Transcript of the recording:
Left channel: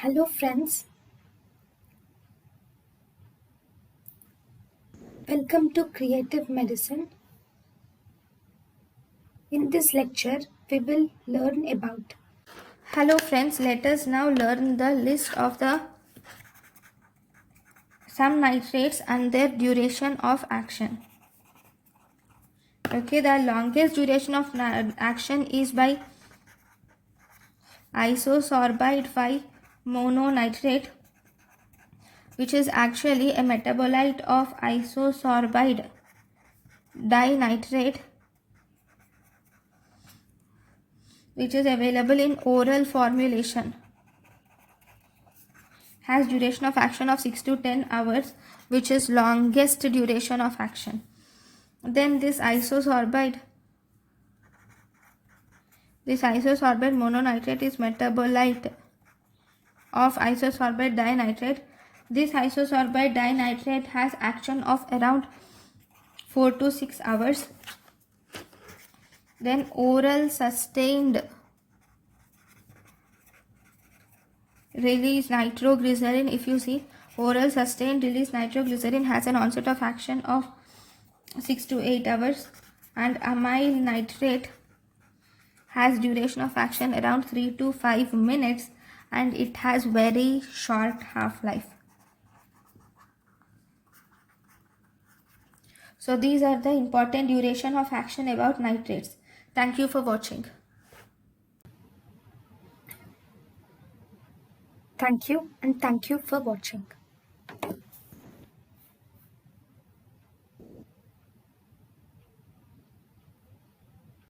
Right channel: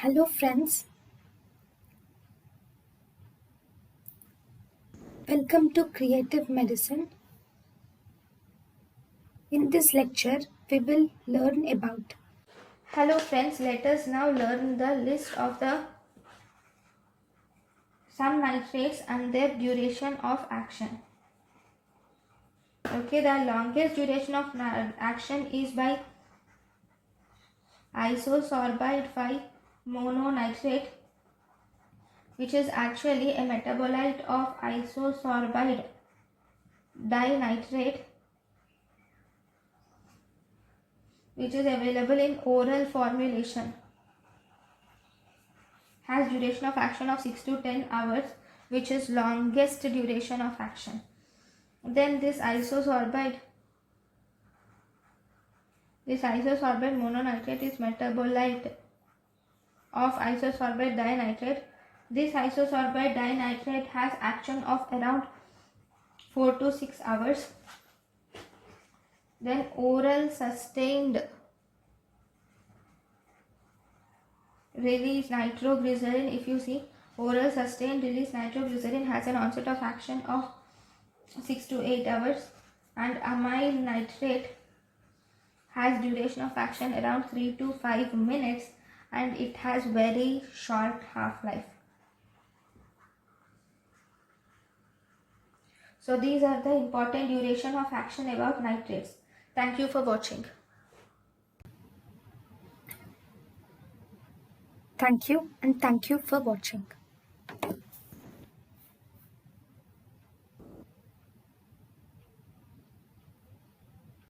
Hello friends, welcome to Creative Medicine. In this lecture, we will learn about. Hello friends, let us now learn the list of the some nitrates and their duration of action. Okay, the longest duration of action is by isosorbide 5 mononitrate, which is actually a metabolite of isosorbide dinitrate, which is available in oral formulation. Has duration of action of 6 to 10 hours, which is longest duration of action. Then this isosorbide mononitrate is metabolite of isosorbide dinitrate. This isosorbide dinitrate has action of around 4 to 6 hours. Then oral sustained release nitroglycerin, if you see, oral sustained release nitroglycerin has an onset of action of 6 to 8 hours, and amyl nitrate has duration of action around 3 to 5 minutes, and it has very short half-life. So these are the important duration of action about nitrates. Thank you for watching. Thank you and thank you for watching.